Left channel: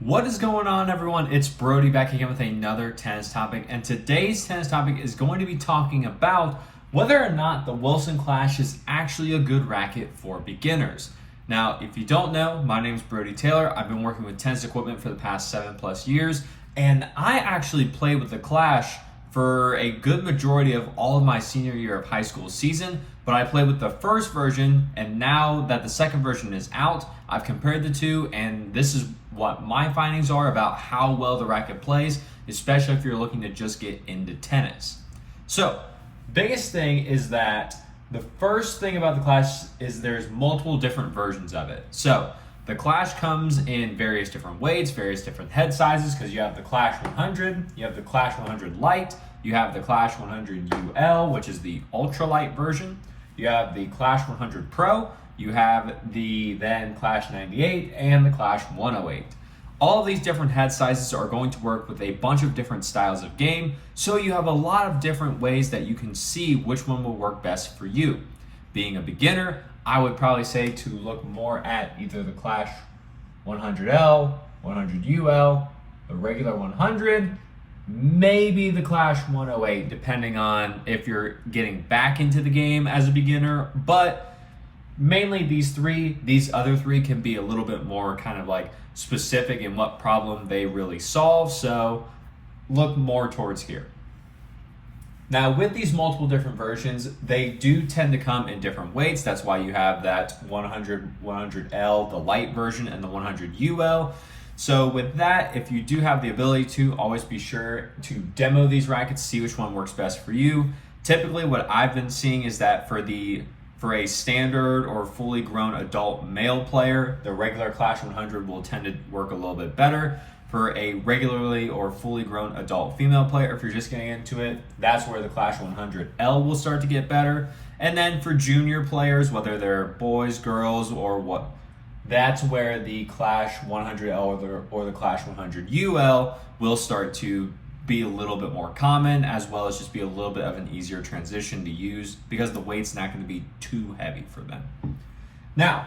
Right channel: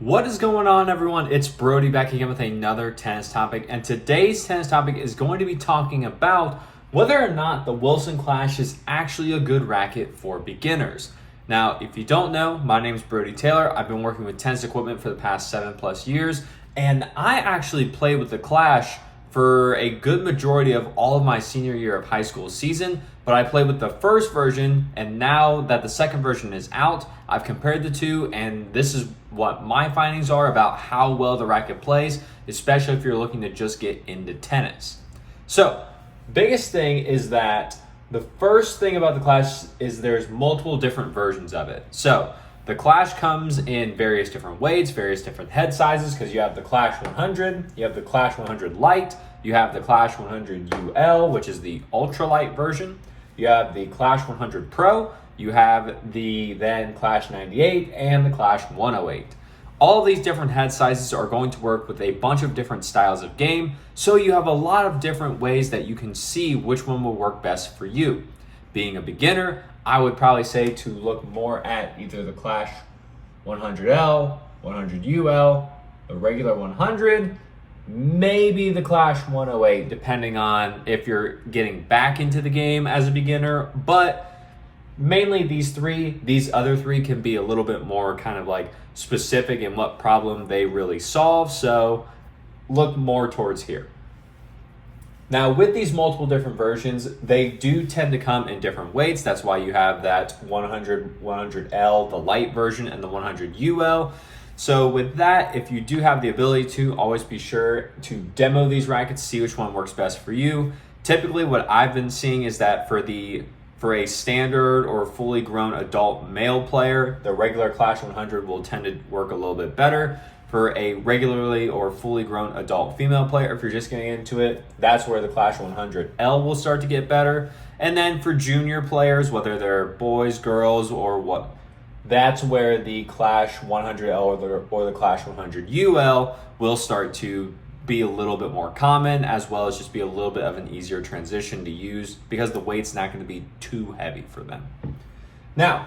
What is going on, everyone? It's Brody back again with another tennis topic, and today's tennis topic is going to be talking about whether or not the Wilson Clash is actually a good racket for beginners. Now, if you don't know, my name is Brody Taylor. I've been working with tennis equipment for the past 7+ years, and I actually played with the Clash for a good majority of all of my senior year of high school season, but I played with the first version, and now that the second version is out, I've compared the two, and this is what my findings are about how well the racket plays, especially if you're looking to just get into tennis. So, biggest thing is that the first thing about the Clash is there's multiple different versions of it. So, the Clash comes in various different weights, various different head sizes, because you have the Clash 100, you have the Clash 100 Lite, you have the Clash 100 UL, which is the ultralight version, you have the Clash 100 Pro, you have the then Clash 98 and the Clash 108. All of these different head sizes are going to work with a bunch of different styles of game, so you have a lot of different ways that you can see which one will work best for you. Being a beginner, I would probably say to look more at either the Clash 100L, 100UL, the regular 100, maybe the Clash 108, depending on if you're getting back into the game as a beginner, but mainly these other three can be a little bit more kind of like specific in what problem they really solve, so look more towards here. Now, with these multiple different versions, they do tend to come in different weights. That's why you have that 100, 100L, the light version, and the 100UL. So with that, if you do have the ability to, always be sure to demo these rackets, see which one works best for you. Typically, what I've been seeing is that for a standard or fully grown adult male player, the regular Clash 100 will tend to work a little bit better. For a regularly or fully grown adult female player, if you're just getting into it, that's where the Clash 100L will start to get better. And then for junior players, whether they're boys, girls, or what, that's where the Clash 100L or the Clash 100UL will start to be a little bit more common, as well as just be a little bit of an easier transition to use because the weight's not going to be too heavy for them. Now,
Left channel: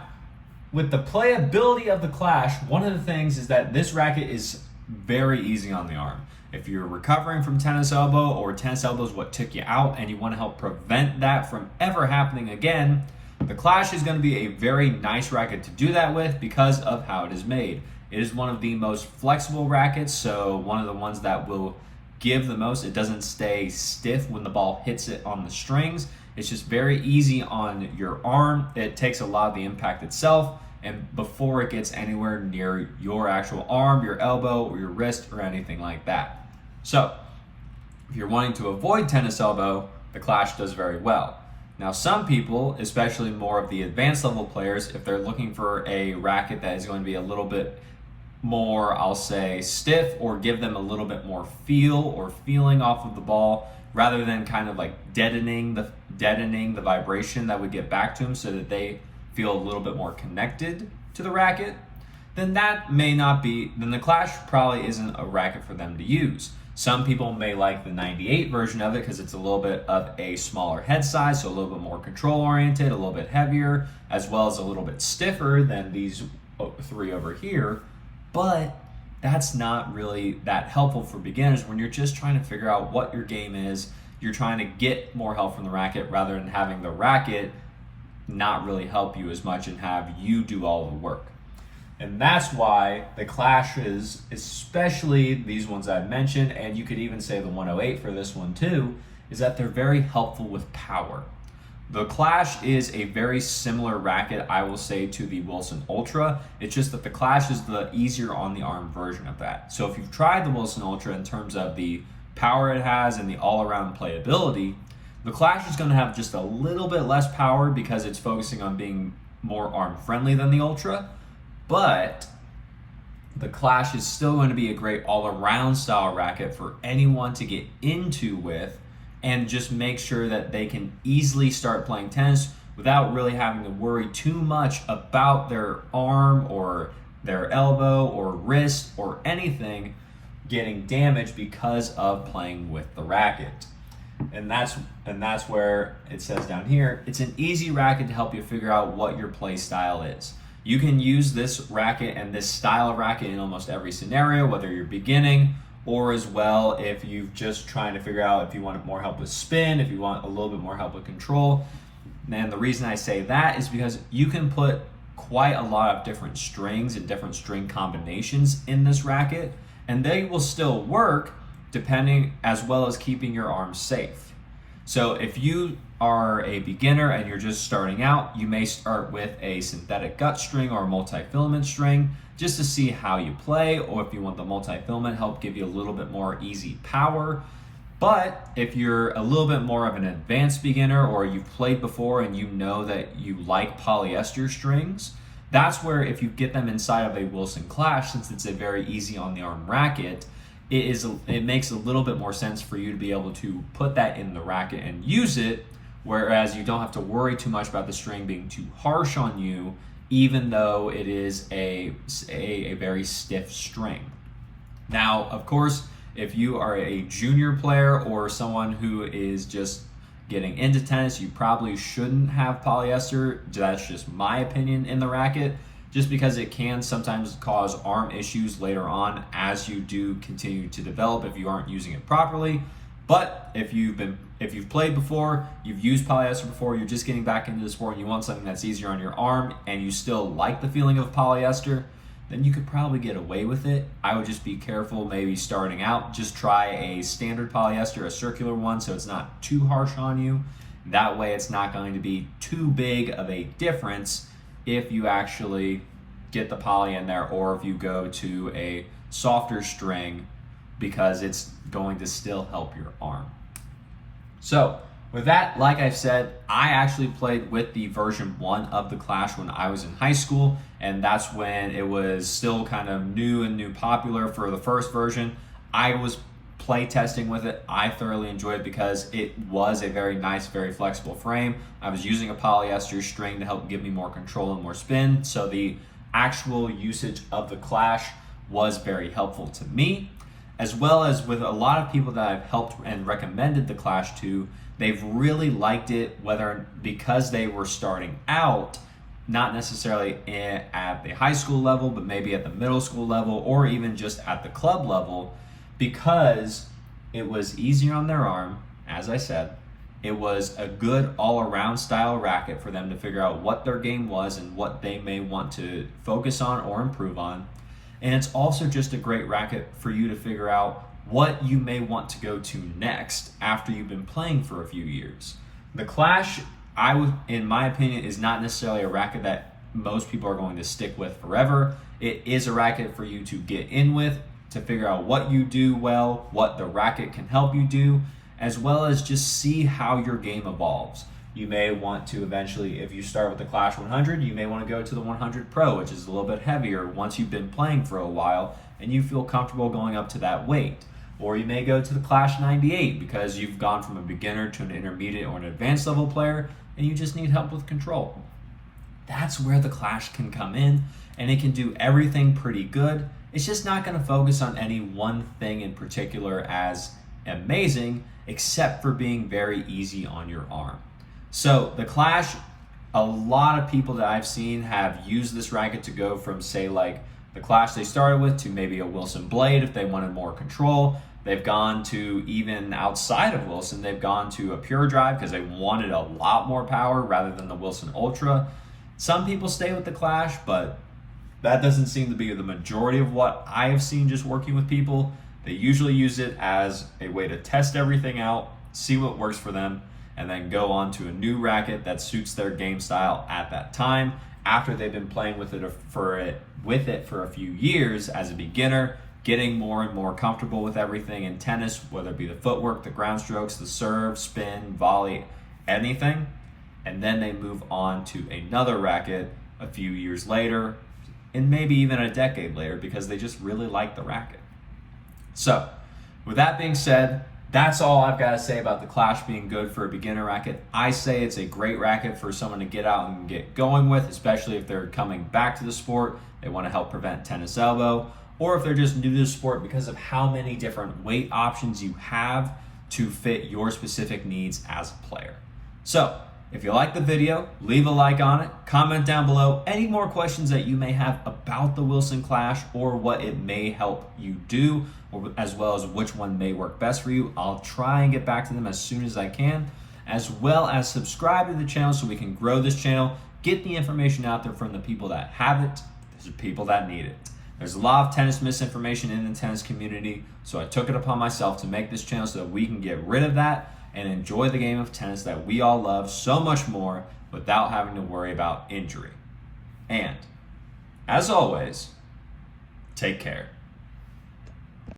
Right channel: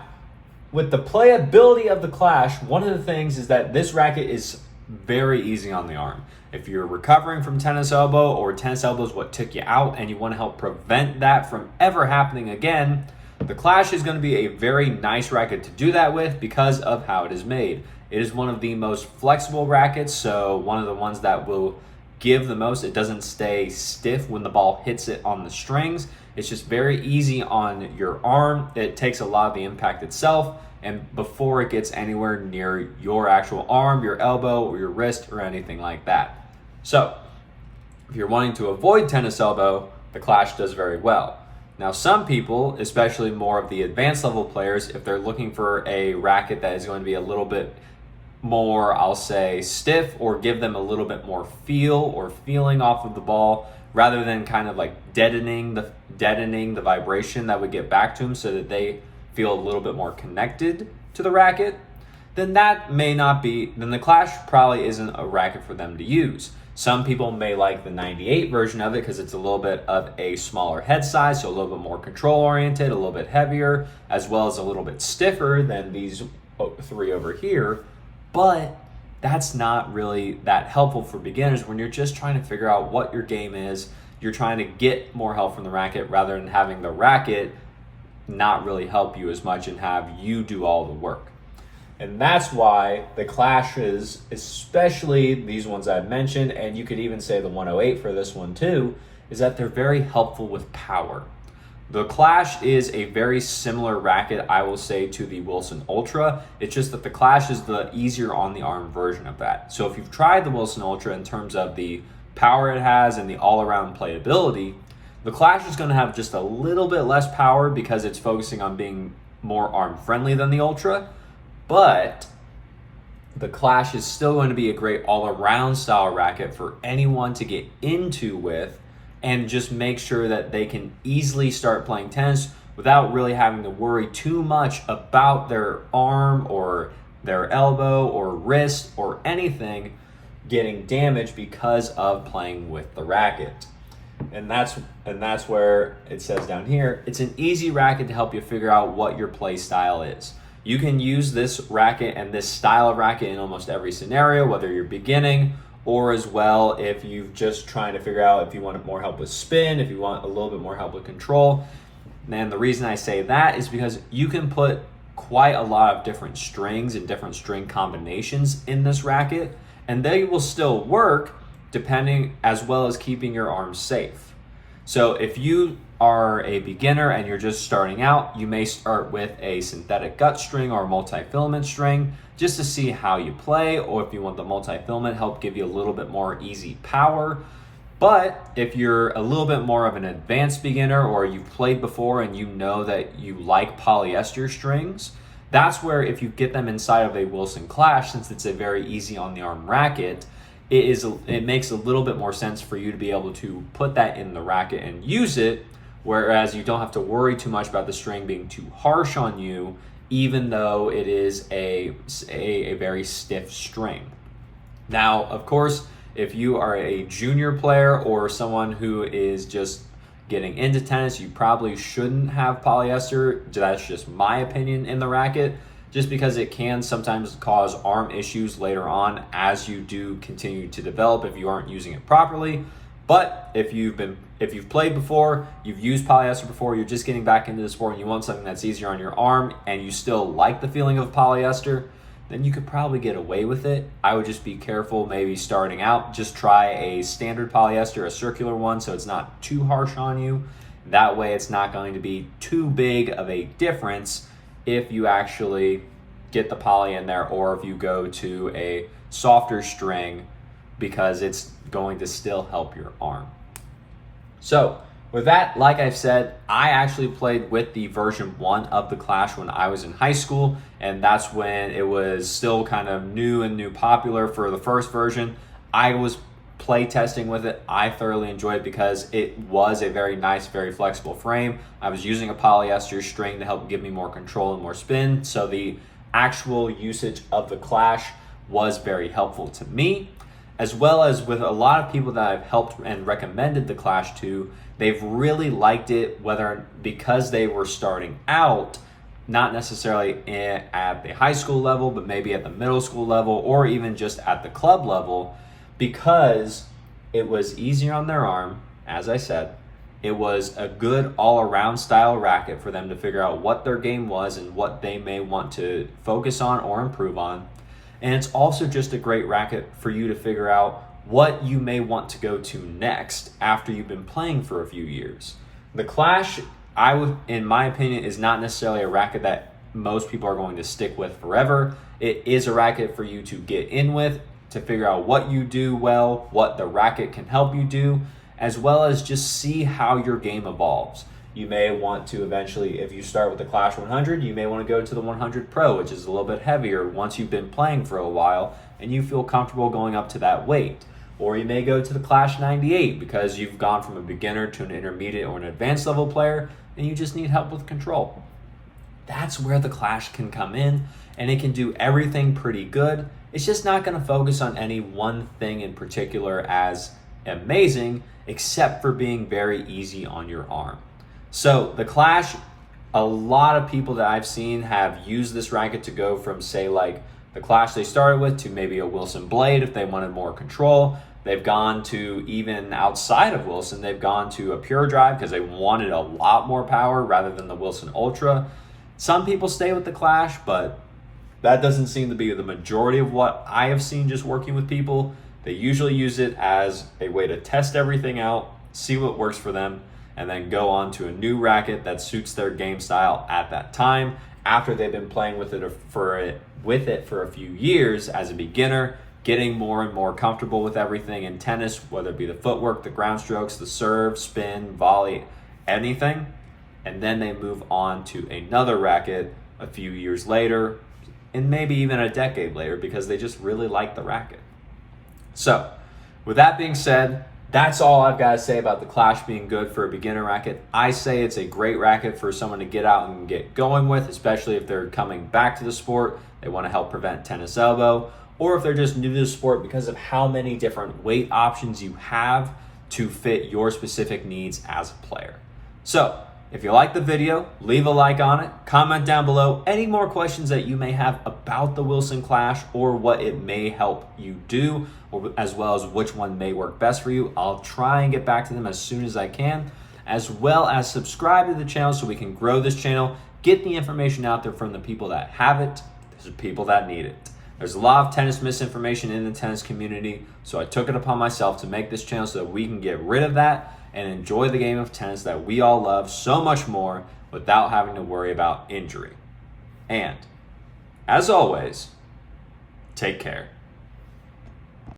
with the playability of the Clash, one of the things is that this racket is very easy on the arm. If you're recovering from tennis elbow, or tennis elbow is what took you out and you want to help prevent that from ever happening again, the Clash is going to be a very nice racket to do that with because of how it is made. It is one of the most flexible rackets, so one of the ones that will give the most. It doesn't stay stiff when the ball hits it on the strings. It's just very easy on your arm. It takes a lot of the impact itself, and before it gets anywhere near your actual arm, your elbow, or your wrist, or anything like that. So, if you're wanting to avoid tennis elbow, the Clash does very well. Now, some people, especially more of the advanced level players, if they're looking for a racket that is going to be a little bit more, I'll say, stiff, or give them a little bit more feel or feeling off of the ball, rather than kind of like deadening the vibration that would get back to them so that they feel a little bit more connected to the racket, then the Clash probably isn't a racket for them to use. Some people may like the 98 version of it because it's a little bit of a smaller head size, so a little bit more control oriented, a little bit heavier, as well as a little bit stiffer than these three over here. But that's not really that helpful for beginners when you're just trying to figure out what your game is. You're trying to get more help from the racket rather than having the racket not really help you as much and have you do all the work. And that's why the Clashes, especially these ones I've mentioned, and you could even say the 108 for this one too, is that they're very helpful with power. The Clash is a very similar racket, I will say, to the Wilson Ultra. It's just that the Clash is the easier on the arm version of that. So if you've tried the Wilson Ultra in terms of the power it has and the all-around playability, the Clash is going to have just a little bit less power because it's focusing on being more arm-friendly than the Ultra. But the Clash is still going to be a great all-around style racket for anyone to get into with, and just make sure that they can easily start playing tennis without really having to worry too much about their arm or their elbow or wrist or anything getting damaged because of playing with the racket. And that's where it says down here, it's an easy racket to help you figure out what your play style is. You can use this racket and this style of racket in almost every scenario, whether you're beginning or as well if you're just trying to figure out if you want more help with spin, if you want a little bit more help with control. And the reason I say that is because you can put quite a lot of different strings and different string combinations in this racket, and they will still work depending, as well as keeping your arm safe. So if you are a beginner and you're just starting out, you may start with a synthetic gut string or a multi-filament string just to see how you play, or if you want the multi-filament help give you a little bit more easy power. But if you're a little bit more of an advanced beginner, or you've played before and you know that you like polyester strings, that's where if you get them inside of a Wilson Clash, since it's a very easy on the arm racket, it makes a little bit more sense for you to be able to put that in the racket and use it, whereas you don't have to worry too much about the string being too harsh on you, even though it is a very stiff string. Now, of course, if you are a junior player or someone who is just getting into tennis, you probably shouldn't have polyester. That's just my opinion in the racket, just because it can sometimes cause arm issues later on as you do continue to develop if you aren't using it properly. But if you've played before, you've used polyester before, you're just getting back into the sport and you want something that's easier on your arm and you still like the feeling of polyester, then you could probably get away with it. I would just be careful maybe starting out. Just try a standard polyester, a circular one, so it's not too harsh on you. That way it's not going to be too big of a difference if you actually get the poly in there, or if you go to a softer string, because it's going to still help your arm. So with that, like I said, I actually played with the version 1 of the Clash when I was in high school, and that's when it was still kind of new popular for the first version. I was play testing with it. I thoroughly enjoyed it because it was a very nice, very flexible frame. I was using a polyester string to help give me more control and more spin, so the actual usage of the Clash was very helpful to me, as well as with a lot of people that I've helped and recommended the Clash to. They've really liked it, whether because they were starting out, not necessarily at the high school level, but maybe at the middle school level, or even just at the club level, because it was easier on their arm. As I said, it was a good all-around style racket for them to figure out what their game was and what they may want to focus on or improve on. And it's also just a great racket for you to figure out what you may want to go to next after you've been playing for a few years. The Clash, in my opinion, is not necessarily a racket that most people are going to stick with forever. It is a racket for you to get in with, to figure out what you do well, what the racket can help you do, as well as just see how your game evolves. You may want to eventually, if you start with the Clash 100, you may want to go to the 100 Pro, which is a little bit heavier once you've been playing for a while and you feel comfortable going up to that weight. Or you may go to the Clash 98 because you've gone from a beginner to an intermediate or an advanced level player and you just need help with control. That's where the Clash can come in, and it can do everything pretty good. It's just not going to focus on any one thing in particular as amazing, except for being very easy on your arm. So the Clash, a lot of people that I've seen have used this racket to go from, say, like the Clash they started with to maybe a Wilson Blade if they wanted more control. They've gone to, even outside of Wilson, they've gone to a Pure Drive because they wanted a lot more power rather than the Wilson Ultra. Some people stay with the Clash, but that doesn't seem to be the majority of what I have seen just working with people. They usually use it as a way to test everything out, see what works for them, and then go on to a new racket that suits their game style at that time after they've been playing with it for a few years as a beginner, getting more and more comfortable with everything in tennis, whether it be the footwork, the ground strokes, the serve, spin, volley, anything. And then they move on to another racket a few years later, and maybe even a decade later, because they just really like the racket. So, with that being said, that's all I've got to say about the Clash being good for a beginner racket. I say it's a great racket for someone to get out and get going with, especially if they're coming back to the sport, they want to help prevent tennis elbow, or if they're just new to the sport because of how many different weight options you have to fit your specific needs as a player. So, If you like the video, leave a like on it, comment down below any more questions that you may have about the Wilson Clash or what it may help you do, or as well as which one may work best for you. I'll try and get back to them as soon as I can, as well as subscribe to the channel so we can grow this channel, get the information out there from the people that have it, to the people that need it. There's a lot of tennis misinformation in the tennis community, so I took it upon myself to make this channel so that we can get rid of that and enjoy the game of tennis that we all love so much more without having to worry about injury. And, as always, take care.